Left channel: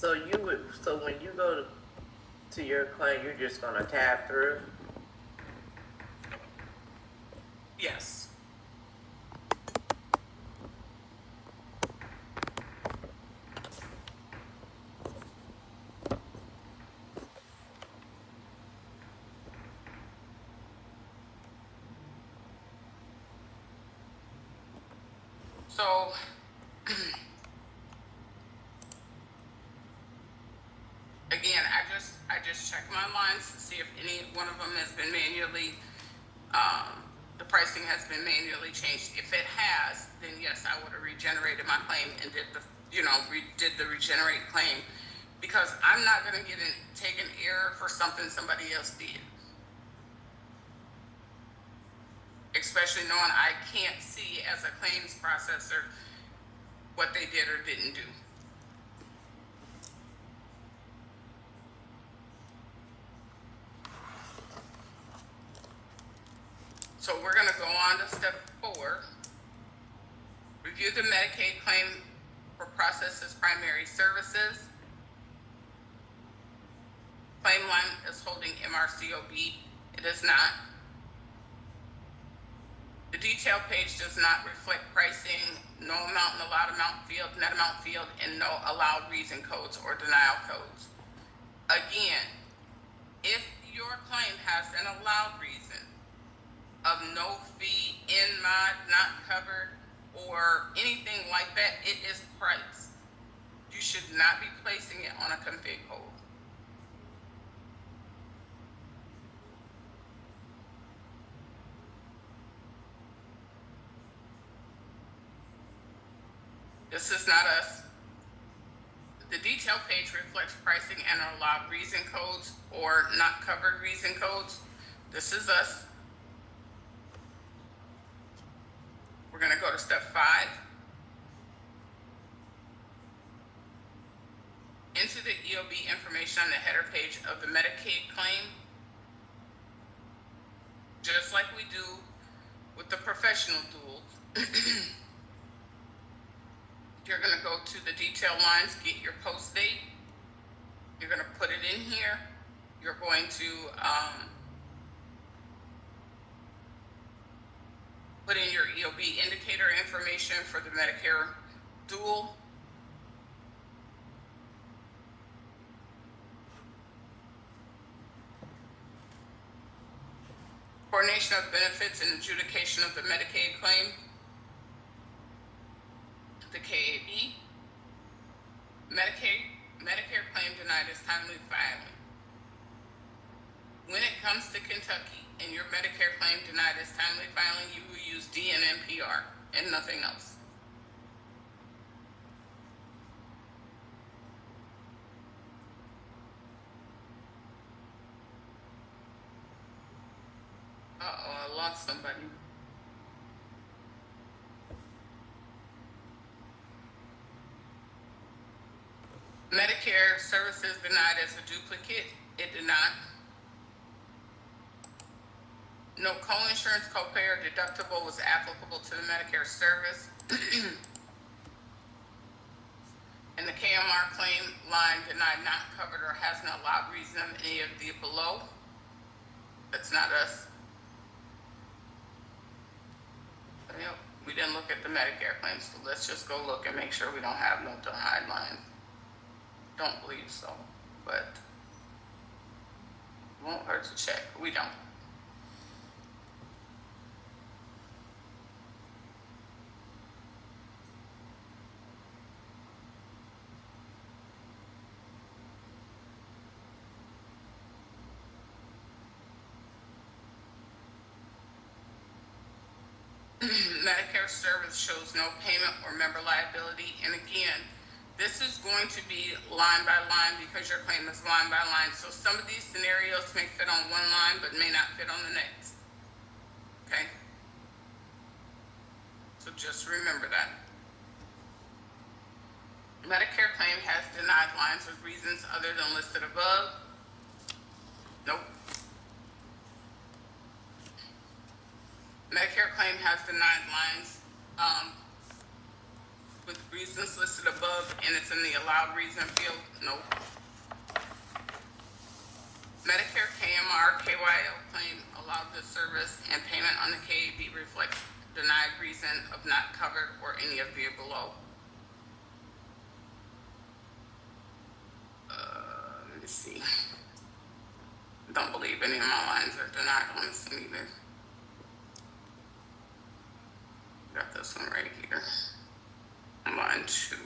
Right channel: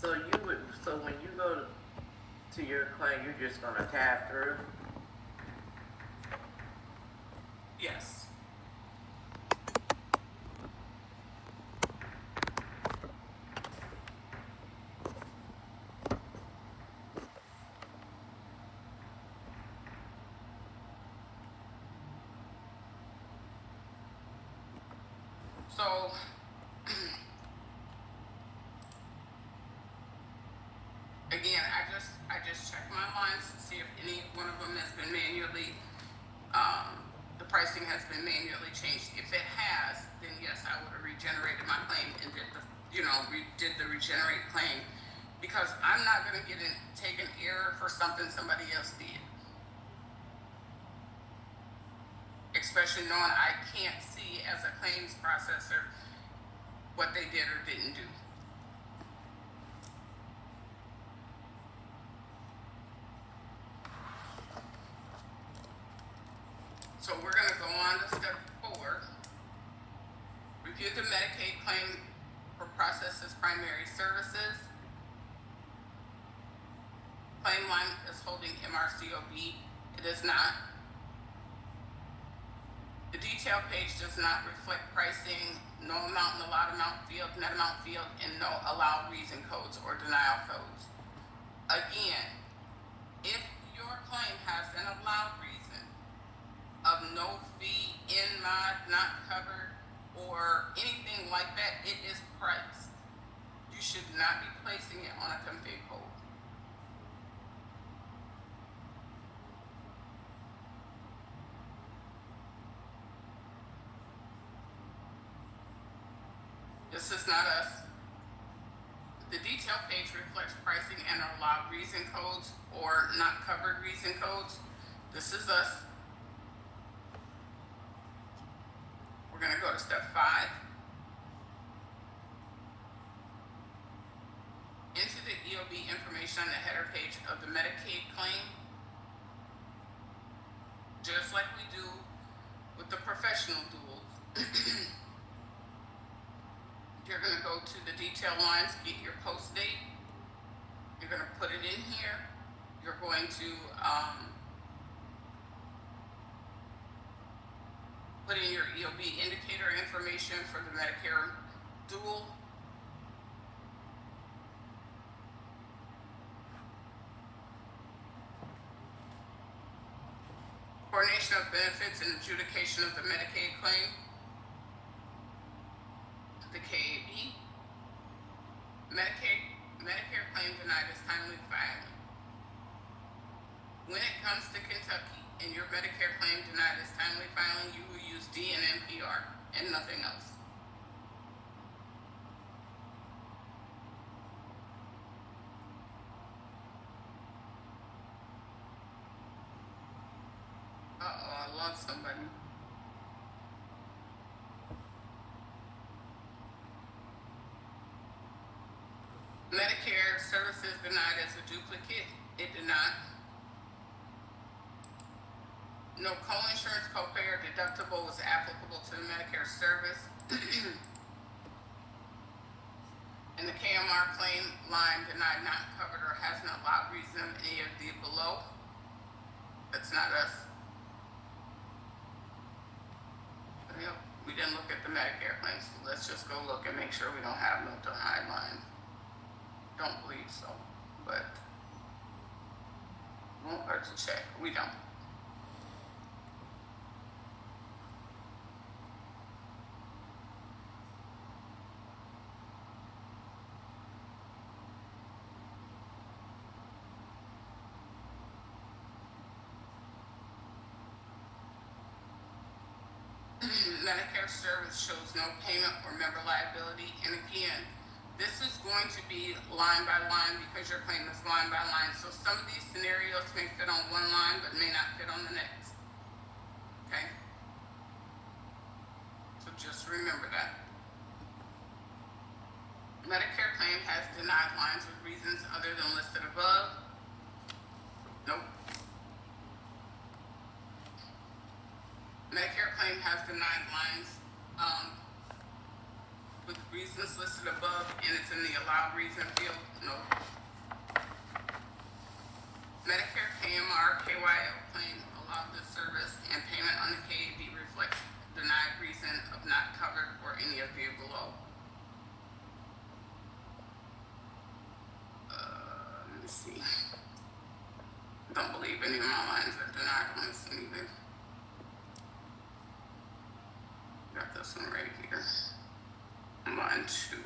So you would, so when you go to your claim, you're just gonna tab through? Yes. So again, I just check my lines to see if any one of them has been manually, the pricing has been manually changed. If it has, then yes, I would have regenerated my claim and did the, did the regenerate claim, because I'm not going to take an error for something somebody else did. Especially knowing I can't see as a claims processor what they did or didn't do. So we're going to go on to step 4. Review the Medicaid claim for processes primary services. Claim line is holding MRCOB. It is not. The detail page does not reflect pricing, no amount in allowed amount field, net amount field, and no allowed reason codes or denial codes. Again, if your claim has an allowed reason of no fee, in mod, not covered, or anything like that, it is priced. You should not be placing it on a config hold. This is not us. The detail page reflects pricing and allowed reason codes or not covered reason codes. This is us. We're going to go to step 5. Enter the EOB information on the header page of the Medicaid claim, just like we do with the professional duals. You're going to go to the detail lines, get your post date. You're going to put it in here. You're going to put in your EOB indicator information for the Medicare dual. Coordination of benefits and adjudication of the Medicaid claim. The KAB. Medicare claim denied is timely filing. When it comes to Kentucky and your Medicare claim denied is timely filing, you will use D and NPR and nothing else. Uh-oh, I lost somebody. Medicare services denied as a duplicate. It did not. No co-insurance, copay, or deductible was applicable to the Medicare service. And the KMR claim line denied, not covered, or has no allowed reason of any of the below. That's not us. Yep, we didn't look at the Medicare claims, so let's just go look and make sure we don't have no denied lines. Don't believe so, but won't hurt to check. We don't. Medicare service shows no payment or member liability, and again, this is going to be line by line because your claim is line by line. So some of these scenarios may fit on one line but may not fit on the next. Okay? So just remember that. Medicare claim has denied lines with reasons other than listed above. Nope. Medicare claim has denied lines with reasons listed above, and it's in the allowed allowed reason field, nope. Medicare KMR KYL claim allowed the service and payment on the KAB reflects denied reason of not covered or any of the below. Let me see. Don't believe any of my lines are denied. Let me see either. Got this one right here. Line 2.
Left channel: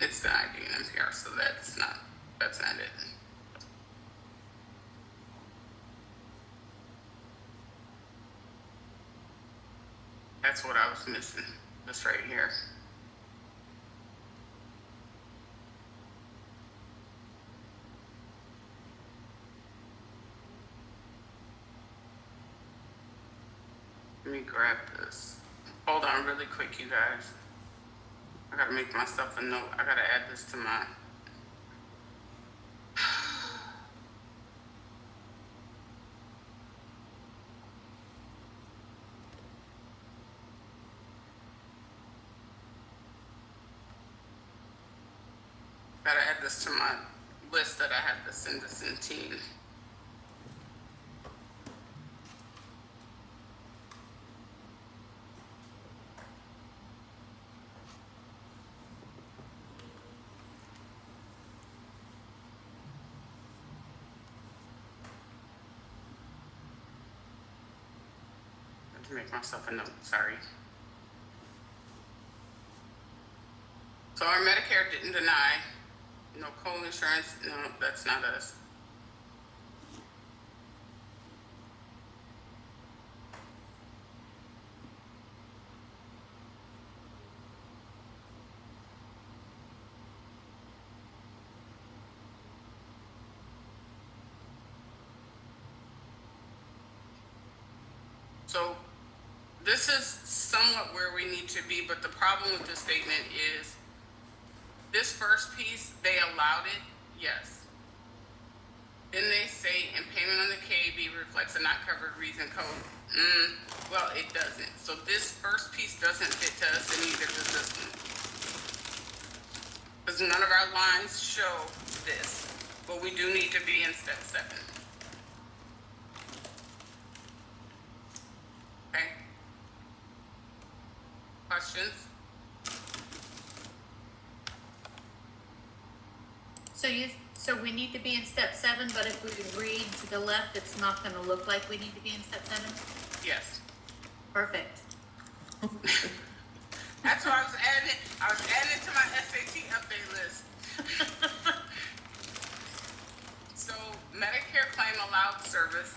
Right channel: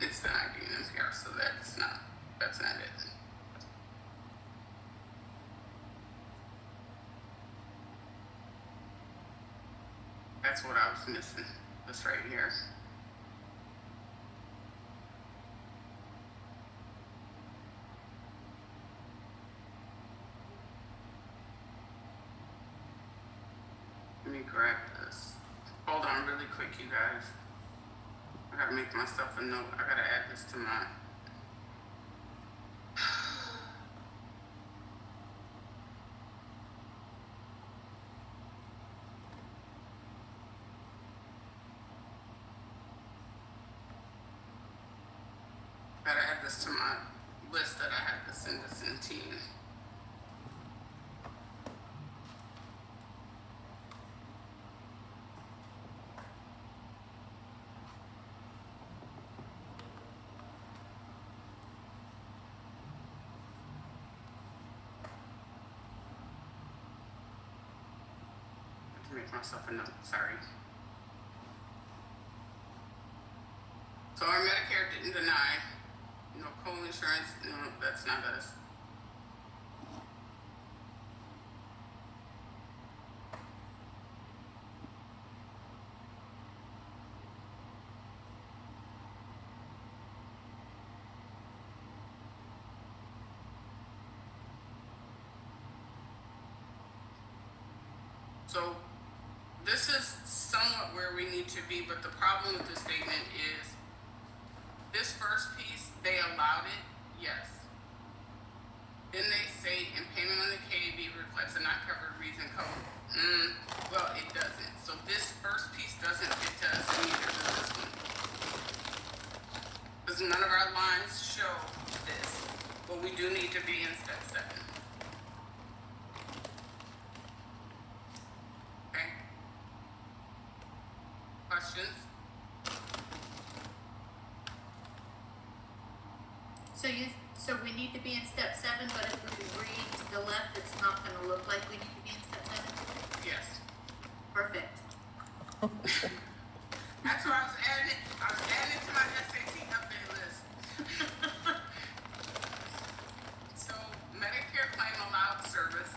It's the ID and NPR, so that's not it. That's what I was missing. This right here. Let me grab this. Hold on really quick, you guys. I gotta make myself a note. I gotta add this to my. Gotta add this to my list that I had to send this in team. Make myself a note, sorry. So our Medicare didn't deny, no co-insurance, no, that's not us. So this is somewhat where we need to be, but the problem with this statement is this first piece, they allowed it, yes. Then they say, and payment on the KAB reflects a not covered reason code. Well, it doesn't. So this first piece doesn't fit to us and neither does this one. Because none of our lines show this, but we do need to be in step 7. Okay. Questions? So we need to be in step 7, but if we read to the left, it's not going to look like we need to be in step 7? Yes. Perfect. That's why I was adding it to my SAT update list. So Medicare claim allowed service,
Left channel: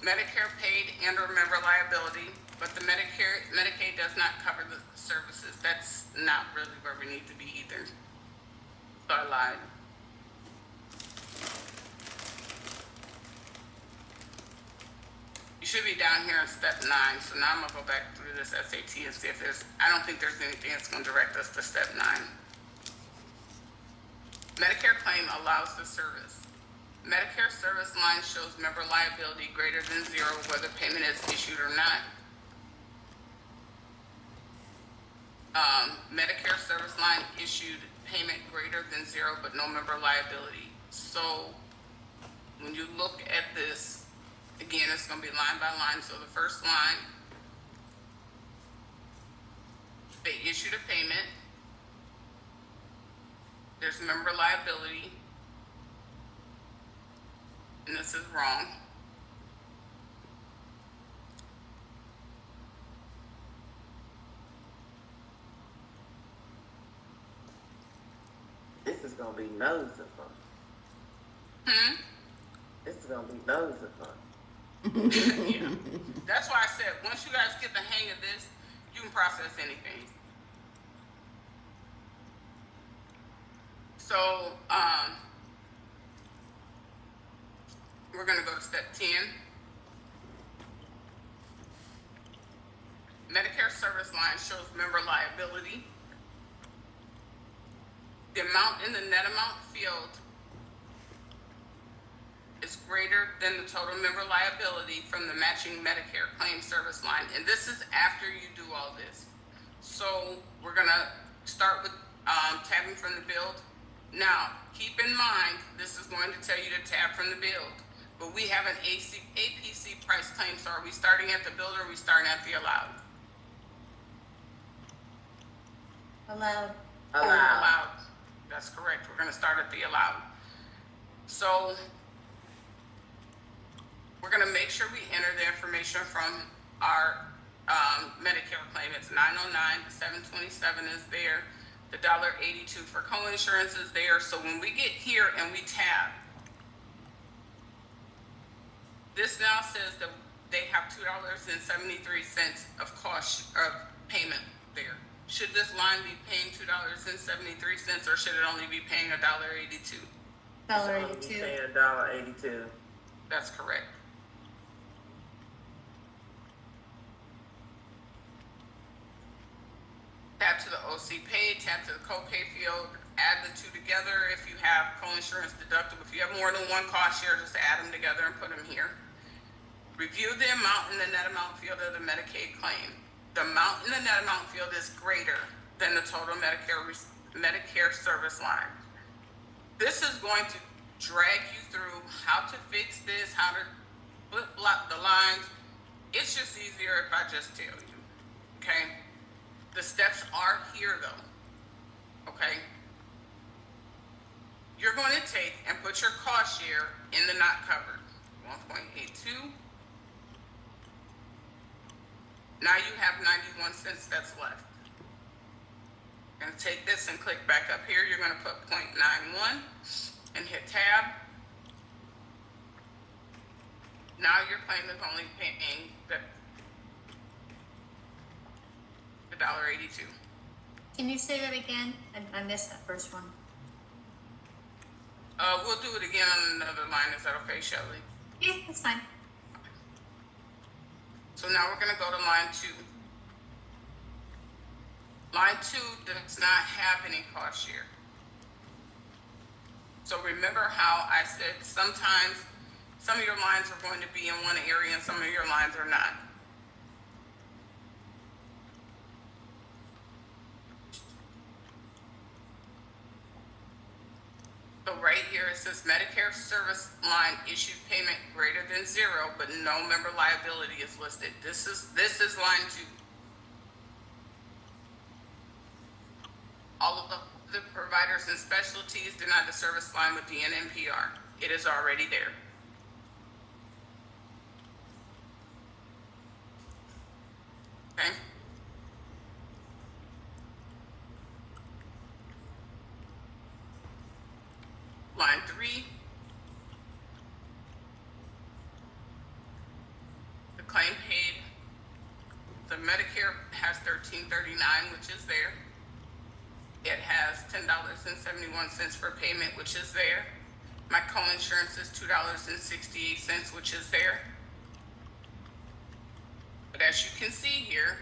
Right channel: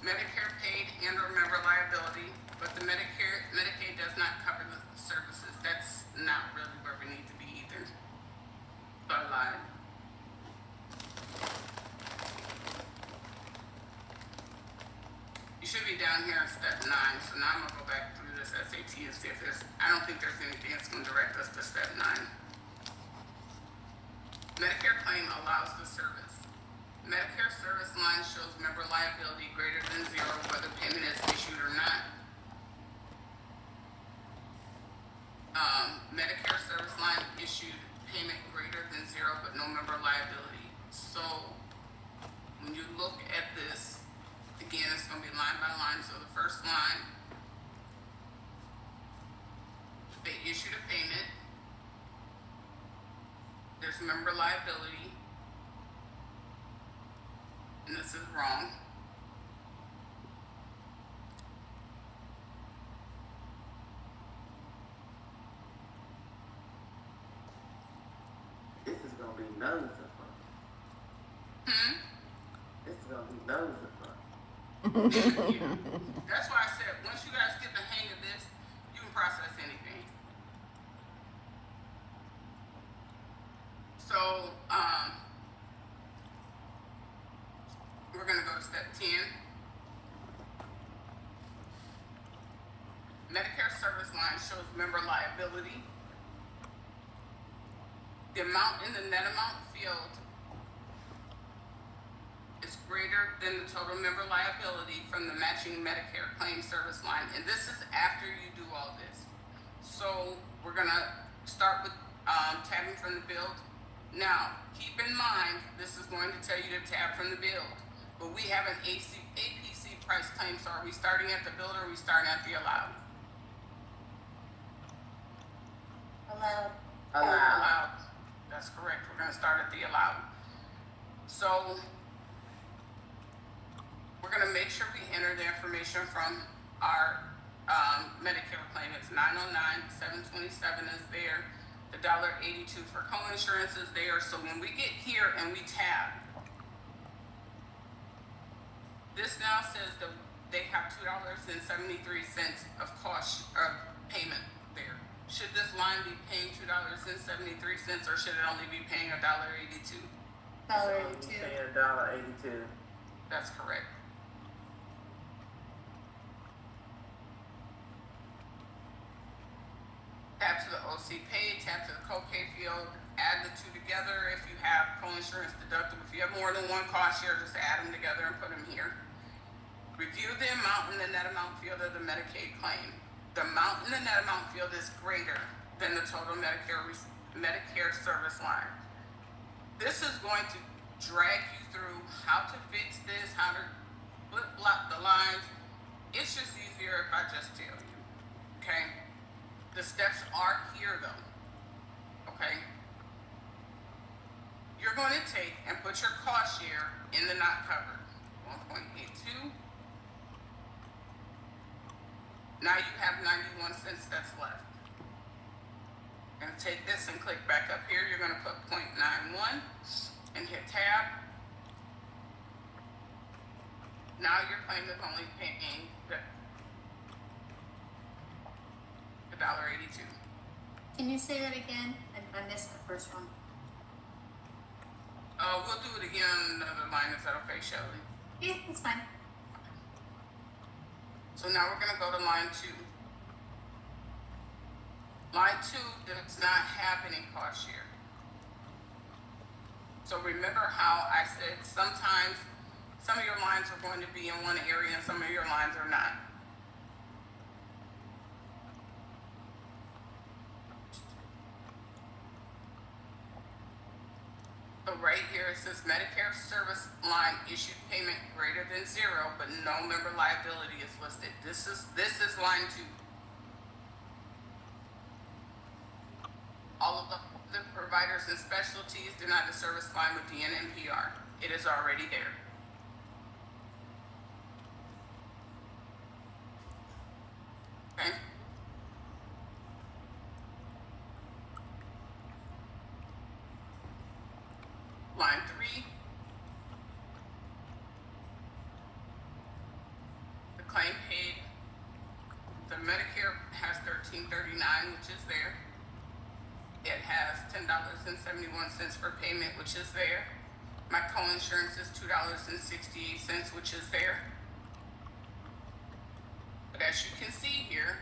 Medicare paid and or member liability, but the Medicaid does not cover the services. That's not really where we need to be either. So I lied. You should be down here on step 9. So now I'm gonna go back through this SAT and see if I don't think there's anything that's gonna direct us to step 9. Medicare claim allows the service. Medicare service line shows member liability greater than 0 whether payment is issued or not. Medicare service line issued payment greater than 0 but no member liability. So when you look at this, again, it's going to be line by line. So the first line, they issued a payment. There's member liability. And this is wrong. This is gonna be nosy fun. This is gonna be nosy fun. Yeah. That's why I said, once you guys get the hang of this, you can process anything. So, we're gonna go to step 10. Medicare service line shows member liability. The amount in the net amount field is greater than the total member liability from the matching Medicare claim service line. And this is after you do all this. So we're gonna start with tabbing from the build. Now, keep in mind, this is going to tell you to tab from the build, but we have an APC price claim, so are we starting at the build or are we starting at the allowed? Allowed. Allowed. That's correct. We're gonna start at the allowed. So we're gonna make sure we enter the information from our Medicare claim. It's 909, 727 is there. The $1.82 for co-insurance is there. So when we get here and we tab, this now says that they have $2.73 of cost of payment there. Should this line be paying $2.73 or should it only be paying $1.82? $1.82. $1.82. That's correct. Tab to the OC pay, tab to the copay field, add the two together. If you have co-insurance deductible, if you have more than one cost share, just add them together and put them here. Review the amount in the net amount field of the Medicaid claim. The amount in the net amount field is greater than the total Medicare service line. This is going to drag you through how to fix this, how to flip-flop the lines. It's just easier if I just do, okay? The steps are here though, okay? You're going to take and put your cost share in the not covered, 1.82. Now you have 91 cents that's left. You're gonna take this and click back up here. You're gonna put 0.91 and hit tab. Now your claim is only paying the $1.82. Can you say that again? I missed that first one. We'll do it again on another line. Is that okay, Shelley? Yeah, that's fine. So now we're gonna go to line 2. Line 2 does not have any cost share. So remember how I said sometimes some of your lines are going to be in one area and some of your lines are not. So right here it says Medicare service line issued payment greater than 0, but no member liability is listed. This is line 2. All of the providers and specialties deny the service line with the NNPR. It is already there. Okay. Line 3. The claim paid. The Medicare has $13.39, which is there. It has $10.71 for payment, which is there. My co-insurance is $2.68, which is there. But as you can see here,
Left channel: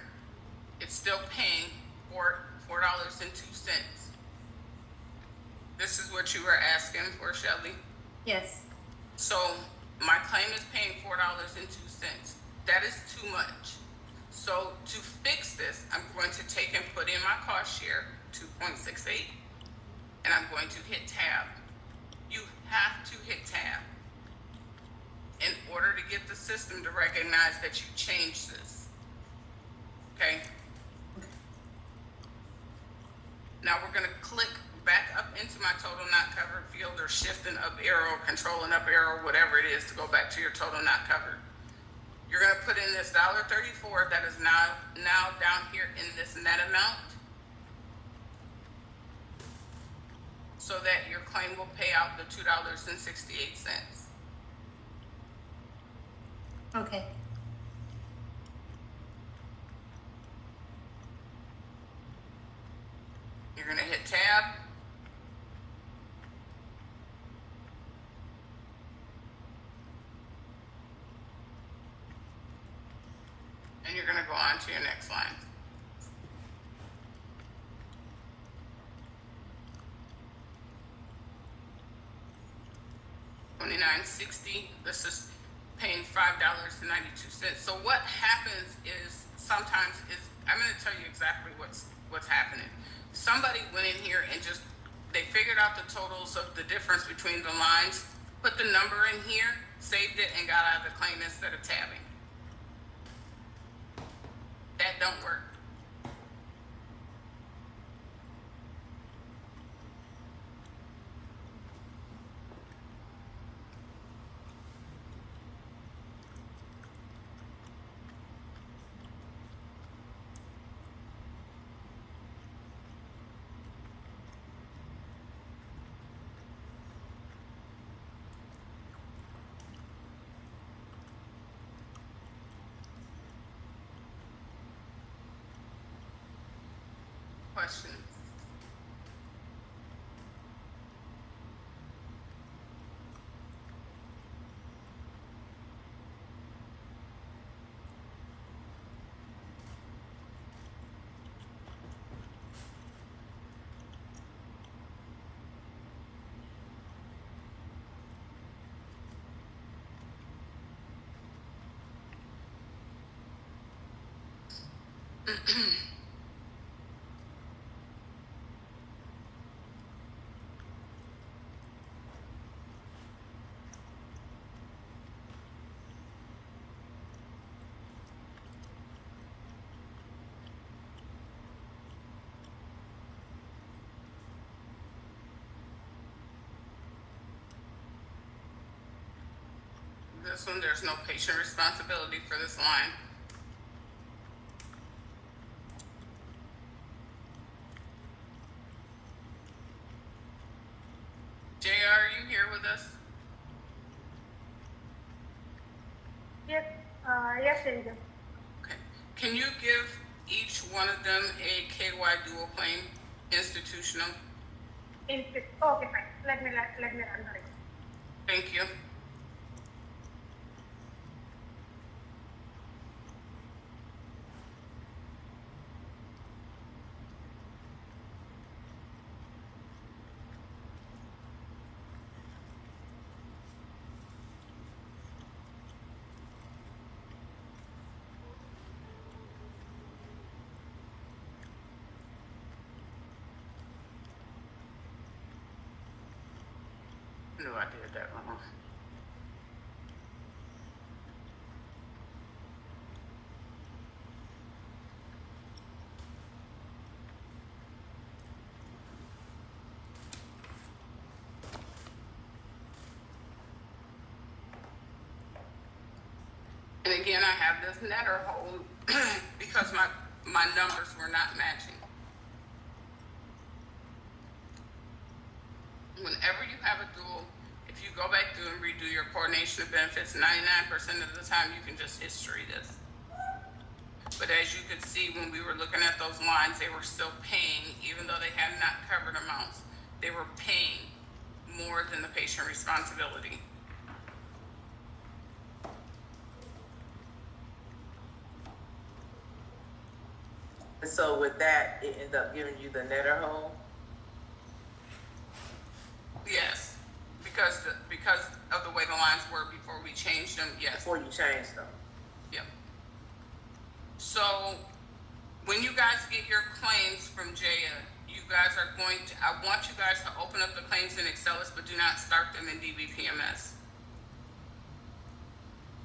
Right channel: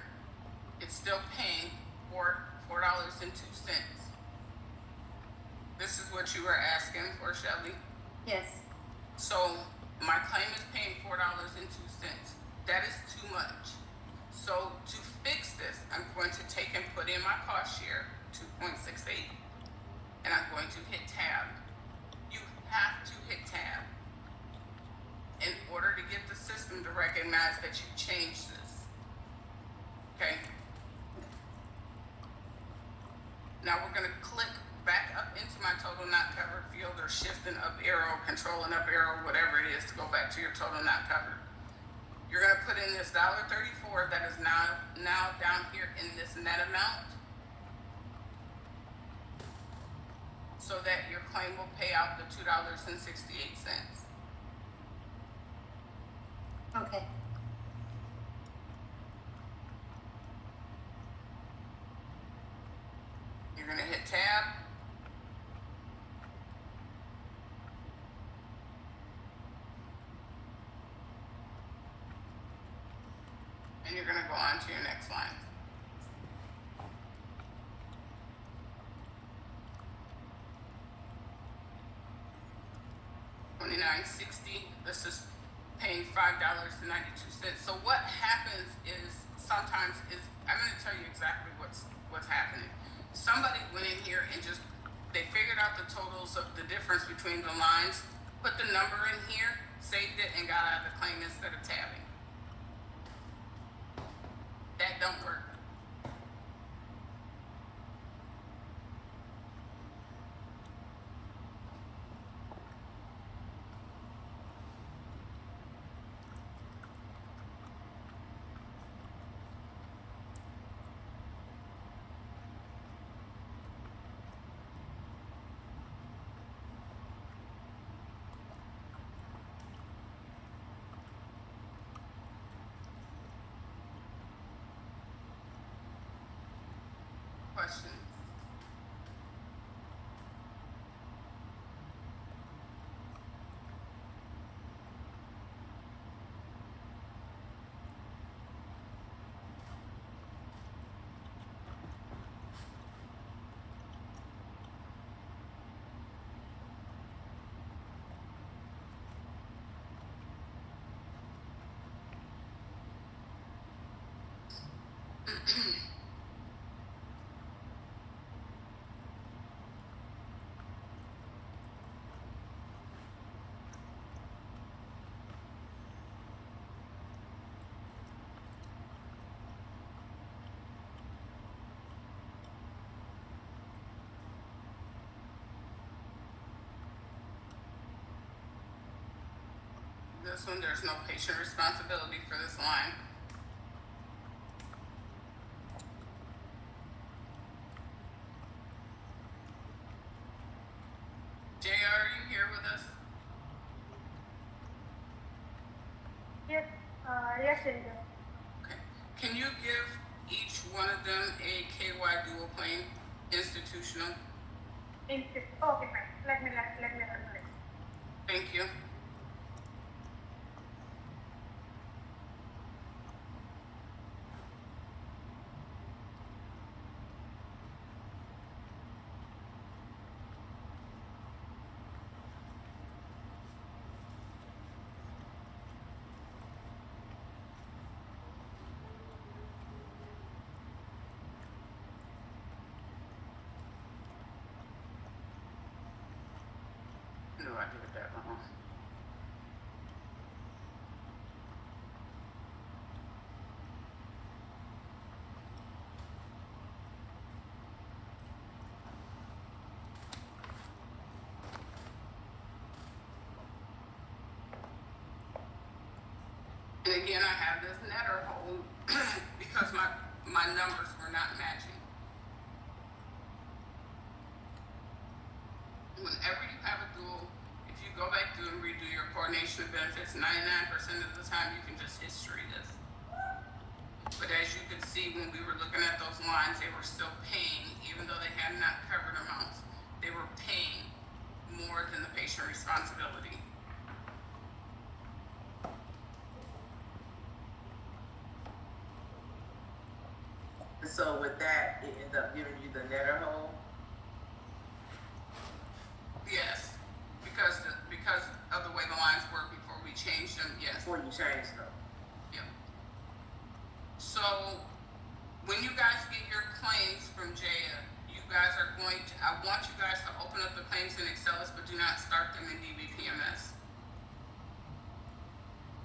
it's still paying $4.02. This is what you were asking for, Shelley. Yes. So my claim is paying $4.02. That is too much. So to fix this, I'm going to take and put in my cost share, 2.68, and I'm going to hit tab. You have to hit tab in order to get the system to recognize that you changed this. Okay? Now we're going to click back up into my total not covered field, or shift an up arrow, control an up arrow, whatever it is, to go back to your total not covered. You're going to put in this $1.34 that is now down here in this net amount, so that your claim will pay out the $2.68. Okay. You're going to hit tab. And you're going to go on to your next line. $29.60. This is paying $5.92. So what happens is sometimes I'm going to tell you exactly what's happening. somebody went in here and just, they figured out the totals of the difference between the lines, put the number in here, saved it, and got out of the claim instead of tabbing. That don't work. Question. This one, there's no patient responsibility for this line. JR, are you here with us? Yes, yes, Ranger. Okay. Can you give each one of them a KY dual claim institutional? Okay, fine. Let me run it. Thank you. No, I did that wrong. And again, I have this netter hold because my numbers were not matching. Whenever you have a dual, if you go back through and redo your coordination of benefits, 99% of the time you can just history this. But as you can see, when we were looking at those lines, they were still paying, even though they had not covered amounts, they were paying more than the patient responsibility. So with that, it ended up giving you the netter hole. Yes, because of the way the lines were before we changed them. Yes. Before you changed them. Yep. So when you guys get your claims from Jaya, you guys are going to. I want you guys to open up the claims in Excelis, but do not start them in DBPMS.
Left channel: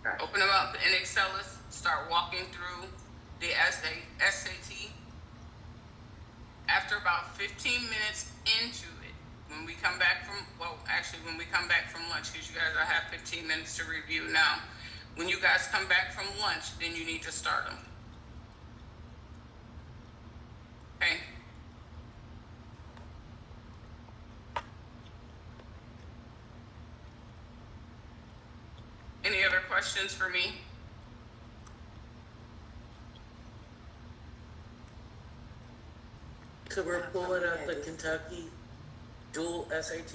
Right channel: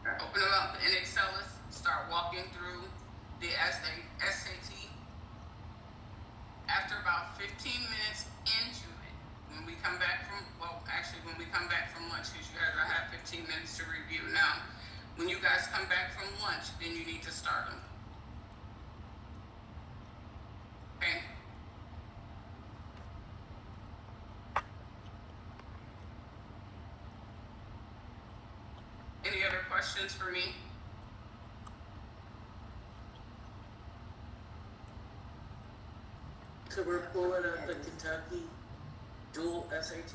Right. Open them up in Excelis. Start walking through the SAT. After about 15 minutes into it, when we come back from, when we come back from lunch, because you guys will have 15 minutes to review now. When you guys come back from lunch, then you need to start them. Okay? Any other questions for me? So we're pulling up the Kentucky dual SAT?